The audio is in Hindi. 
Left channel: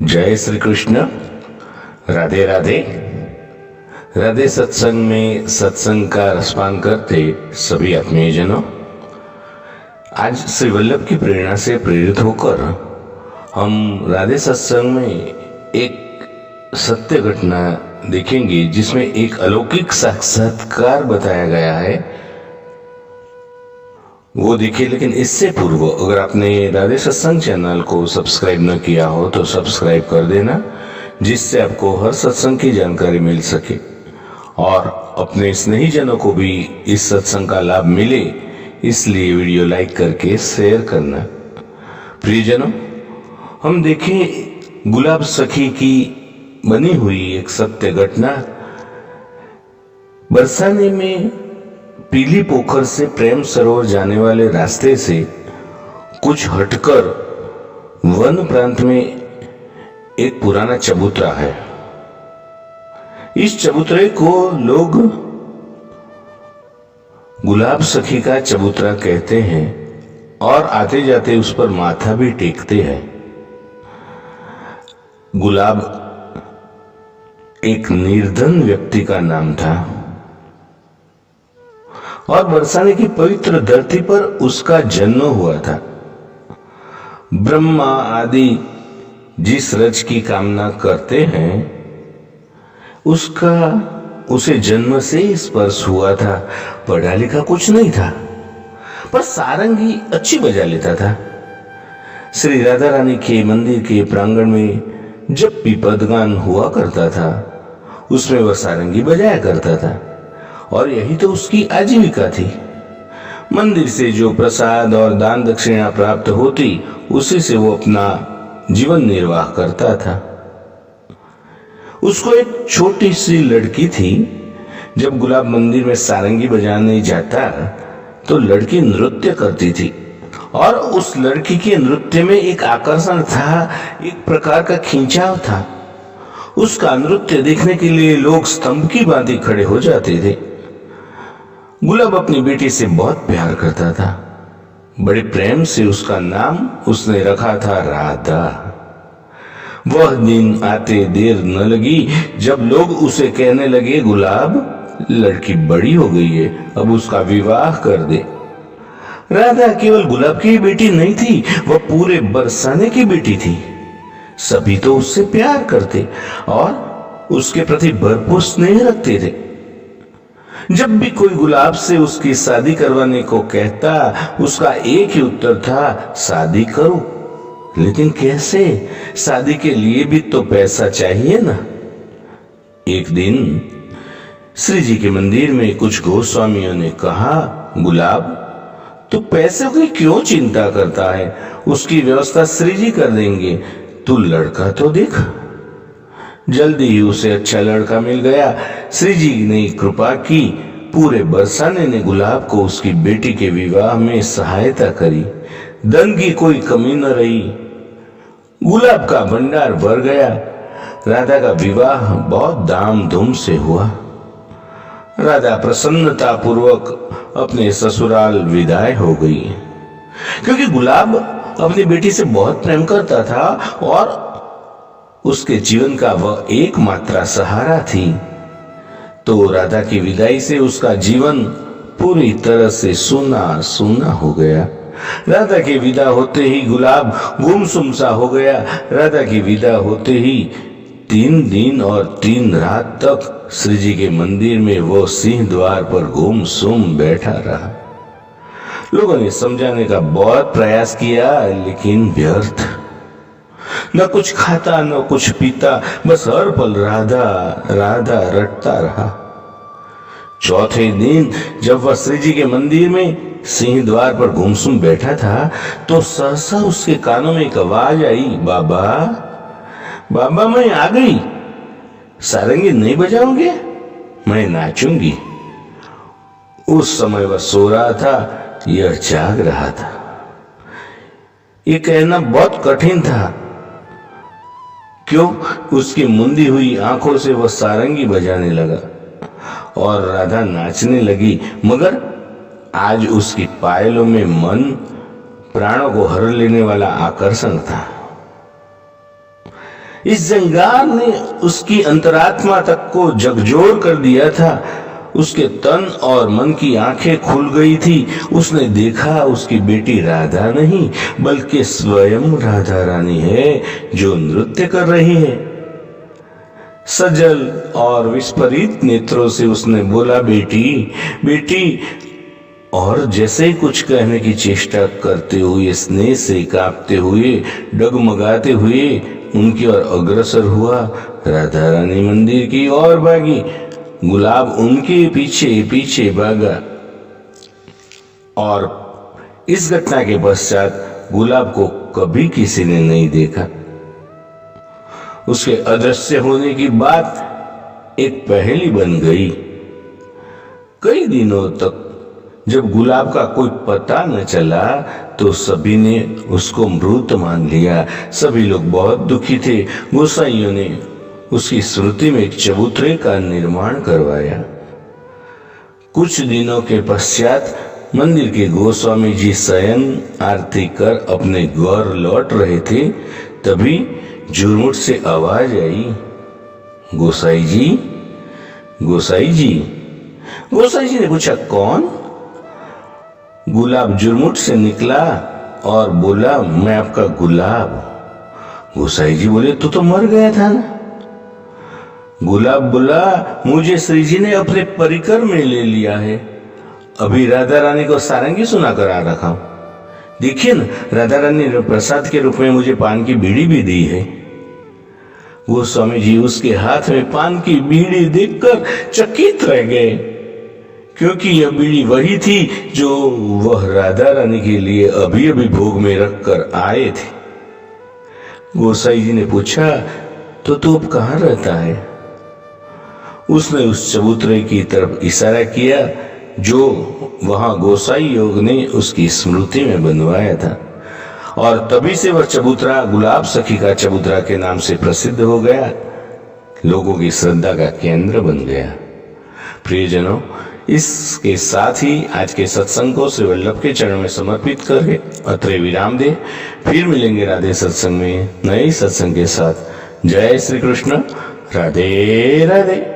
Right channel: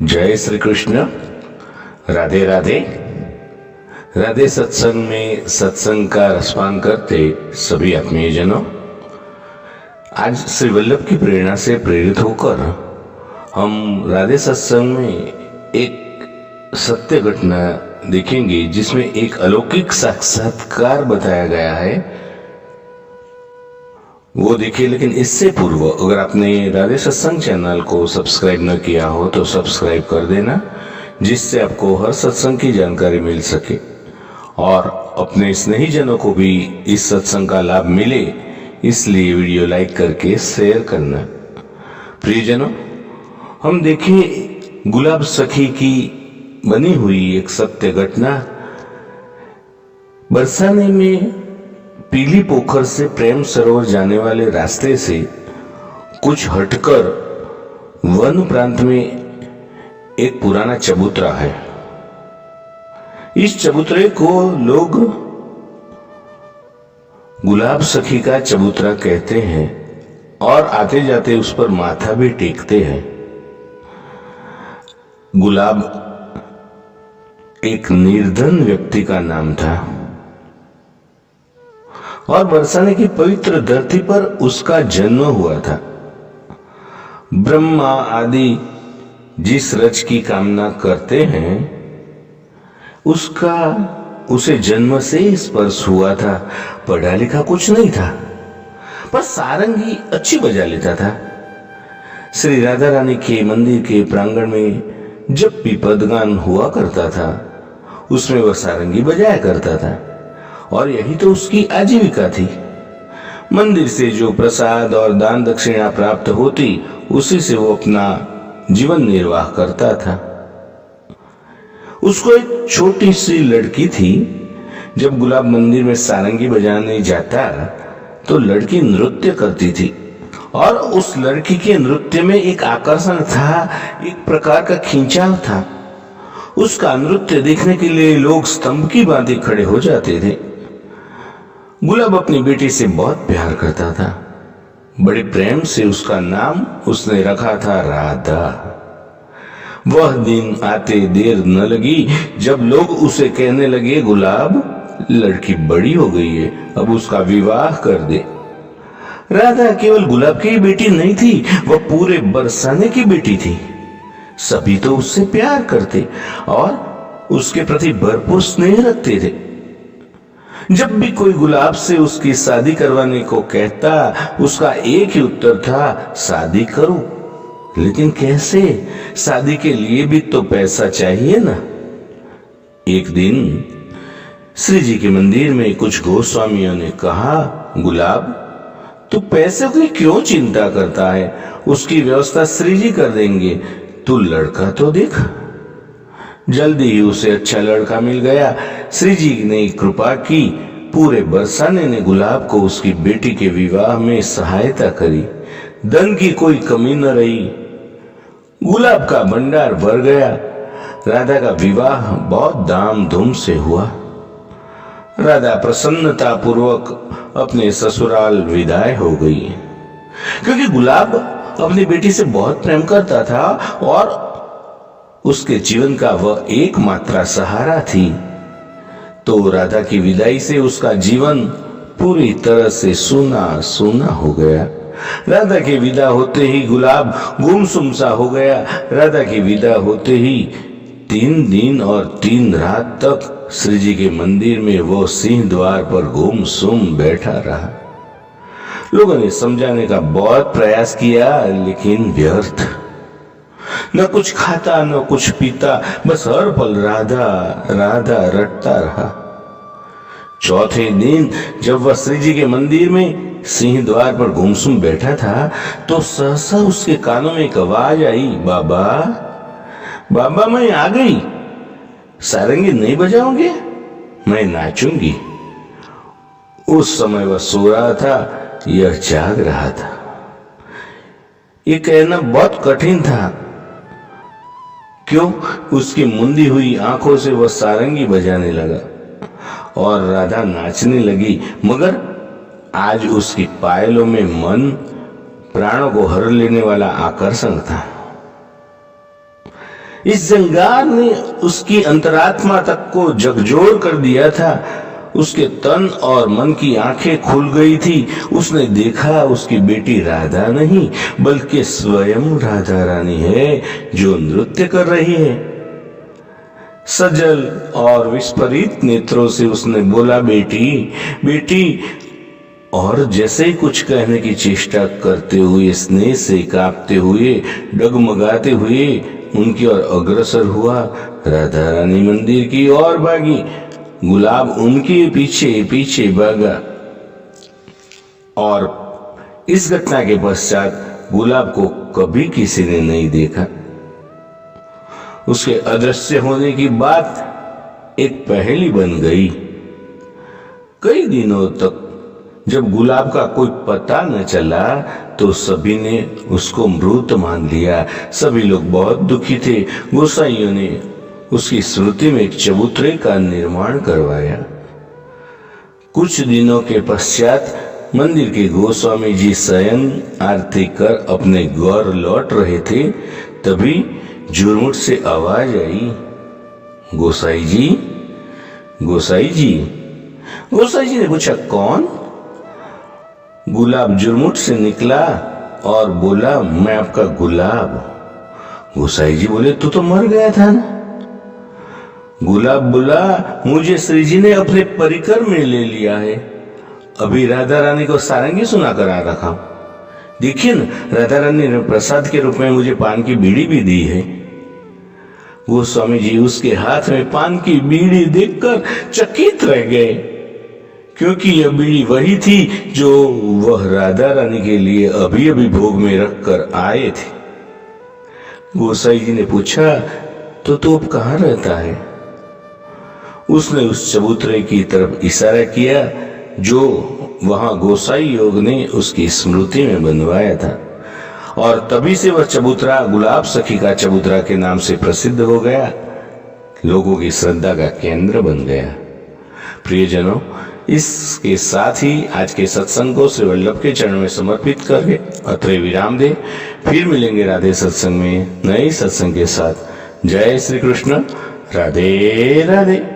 जय श्री कृष्ण। राधे राधे। राधे सत्संग में सत्संग का रसपान करते सभी आत्मीय जनों, आज श्री वल्लभ की प्रेरणा से प्रेरित होकर हम राधे सत्संग में एक सत्य घटना देखेंगे जिसमें एक अलौकिक साक्षात्कार बताया गया है, वो देखिए। लेकिन इससे पूर्व अगर आपने राधे सत्संग चैनल को सब्सक्राइब न किया हो तो सब्सक्राइब कर देना, जिससे आपको हर सत्संग की जानकारी मिल सके और अपने स्नेही जनों को भी इस सत्संग का लाभ मिले, इसलिए वीडियो लाइक करके शेयर करना। प्रियजनों, हम देखें गुलाब सखी की बनी हुई एक सत्य घटना। बरसाने में पीली पोखर से प्रेम सरोवर जाने वाले रास्ते से कुछ हटकर वन प्रांत में एक पुराना चबूतरा है। इस चबूतरे को लोग गुलाब सखी का चबूतरा कहते हैं और आते जाते उस पर माथा भी टेकते हैं। गुलाब एक निर्धन व्यक्ति का नाम था और बरसाने की पवित्र धरती पर उसका जन्म हुआ था। ब्रह्मा आदि जिस रज की कामना करते हैं उसे जन्म से स्पर्श हुआ था। पढ़ा लिखा कुछ नहीं था, पर सारंगी अच्छी बजा लेता था। श्री राधा रानी के मंदिर के प्रांगण में जब भी पदगान हुआ करता था उसमें वह सारंगी बजाया करता था और यही तो उसकी आजीविका थी। मंदिर से जो प्रसाद और दान दक्षिणा प्राप्त होती उसी से वो अपना जीवन निर्वाह करता था। उसको एक छोटी सी लड़की थी। जब गुलाब मंदिर में सारंगी बजाने जाता तो लड़की नृत्य करती थी और उस लड़की के नृत्य में एक आकर्षण था, एक प्रकार का खिंचाव था। उसका नृत्य देखने के लिए लोग स्तंभ की भांति खड़े हो जाते थे। गुलाब अपनी बेटी से बहुत प्यार करता था। बड़े प्रेम से उसका नाम उसने रखा था राधा। वह दिन आते देर न लगी जब लोग उसे कहने लगे, गुलाब लड़की बड़ी हो गई है, अब उसका विवाह कर दे। राधा केवल गुलाब की बेटी नहीं थी, वह पूरे बरसाने की बेटी थी। सभी तो उससे प्यार करते और उसके प्रति भरपूर स्नेह रखते थे। जब भी कोई गुलाब से उसकी शादी करवाने को कहता उसका एक ही उत्तर था, शादी करो। लेकिन कैसे? शादी के लिए भी तो पैसा चाहिए ना। एक दिन श्री जी के मंदिर में कुछ गोस्वामियों ने कहा, गुलाब तू पैसे की क्यों चिंता करता है, उसकी व्यवस्था श्री जी कर देंगे, तू लड़का तो देख। जल्दी ही उसे अच्छा लड़का मिल गया। श्री जी ने कृपा की। पूरे बरसाने ने गुलाब को उसकी बेटी के विवाह में सहायता करी। धन की कोई कमी न रही। गुलाब का भंडार भर गया। राधा का विवाह बहुत धाम धूम से हुआ। राधा प्रसन्नता पूर्वक अपने ससुराल विदाई हो गई, क्योंकि गुलाब अपनी बेटी से बहुत प्रेम करता था और उसके जीवन का वह एकमात्र सहारा थी। तो राधा की विदाई से उसका जीवन पूरी तरह से सूना सूना हो गया। राधा के विदा होते ही गुलाब गुमसुम सा हो गया। राधा की विदा होते ही 3 दिन और 3 रात तक श्री जी के मंदिर में वो सिंह द्वार पर गुमसुम बैठा रहा। लोगों ने समझाने का बहुत प्रयास किया, लेकिन व्यर्थ। न कुछ खाता न कुछ पीता, बस हर पल राधा राधा रटता रहा। चौथे दिन जब वह श्री जी के मंदिर में सिंह द्वार पर गुमसुम बैठा था तो सहसा उसके कानों में एक आवाज आई, बाबा बाबा मैं आ गई। सारंगी नहीं बजाओगे? मैं नाचूंगी। उस समय वह सो रहा था, यह जाग रहा था। ये कहना बहुत कठिन था। क्यों? उसकी मुंदी हुई आंखों से वह सारंगी बजाने लगा और राधा नाचने लगी, मगर आज उसकी पायलों में मन प्राणों को हर लेने वाला आकर्षण था। इस जंगार ने उसकी अंतरात्मा तक को झकझोर कर दिया था। उसके तन और मन की आंखें खुल गई थी। उसने देखा उसकी बेटी राधा नहीं बल्कि स्वयं राधा रानी है जो नृत्य कर रही है। सजल और विस्फारित नेत्रों से उसने बोला, बेटी बेटी। और जैसे ही कुछ कहने की चेष्टा करते हुए, स्नेह से कांपते हुए, डगमगाते हुए उनकी ओर अग्रसर हुआ। राधा रानी मंदिर की ओर भागी। गुलाब उनके पीछे पीछे भागा। और इस घटना के पश्चात गुलाब को कभी किसी ने नहीं देखा। उसके अदृश्य होने की बात एक पहेली बन गई। कई दिनों तक जब गुलाब का कोई पता न चला तो सभी ने उसको मृत मान लिया। सभी लोग बहुत दुखी थे। गोसाइयों ने उसकी स्मृति में एक चबूतरे का निर्माण करवाया। कुछ दिनों के पश्चात मंदिर के गोस्वामी जी शयन आरती कर अपने घर लौट रहे थे। तभी झुरमुट से आवाज आई, गोसाई जी, गोसाई जी। गोसाई जी ने पूछा, कौन? गुलाब झुरमुट से निकला और बोला, मैं आपका गुलाब। गोसाई जी बोले, तू तो मर गया था ना। गुलाब बोला, मुझे श्री जी ने अपने परिकर में ले लिया है। अभी राधा रानी को सारंगी सुना कर आ रखा हूं। देखिए न, राधा रानी ने प्रसाद के रूप में मुझे पान की बीड़ी भी दी है। वो स्वामी जी उसके हाथ में पान की बीड़ी देखकर चकित रह गए, क्योंकि यह बीड़ी वही थी जो वह राधा रानी के लिए अभी अभी भोग में रखकर आए थे। गोसाई जी ने पूछा, तो तू अब कहाँ रहता है? उसने उस चबूतरे की तरफ इशारा किया जो वहां गोसाई योग ने उसकी स्मृति में बनवाया था। और तभी से वह चबूतरा गुलाब सखी का चबूतरा के नाम से प्रसिद्ध हो गया, लोगों की श्रद्धा का केंद्र बन गया। प्रियजनों, इसके साथ ही आज के सत्संग को श्री वल्लभ के चरणों में समर्पित करके अत्रे विराम दे। फिर मिलेंगे राधे सत्संग में नए सत्संग के साथ। जय श्री कृष्ण। राधे राधे।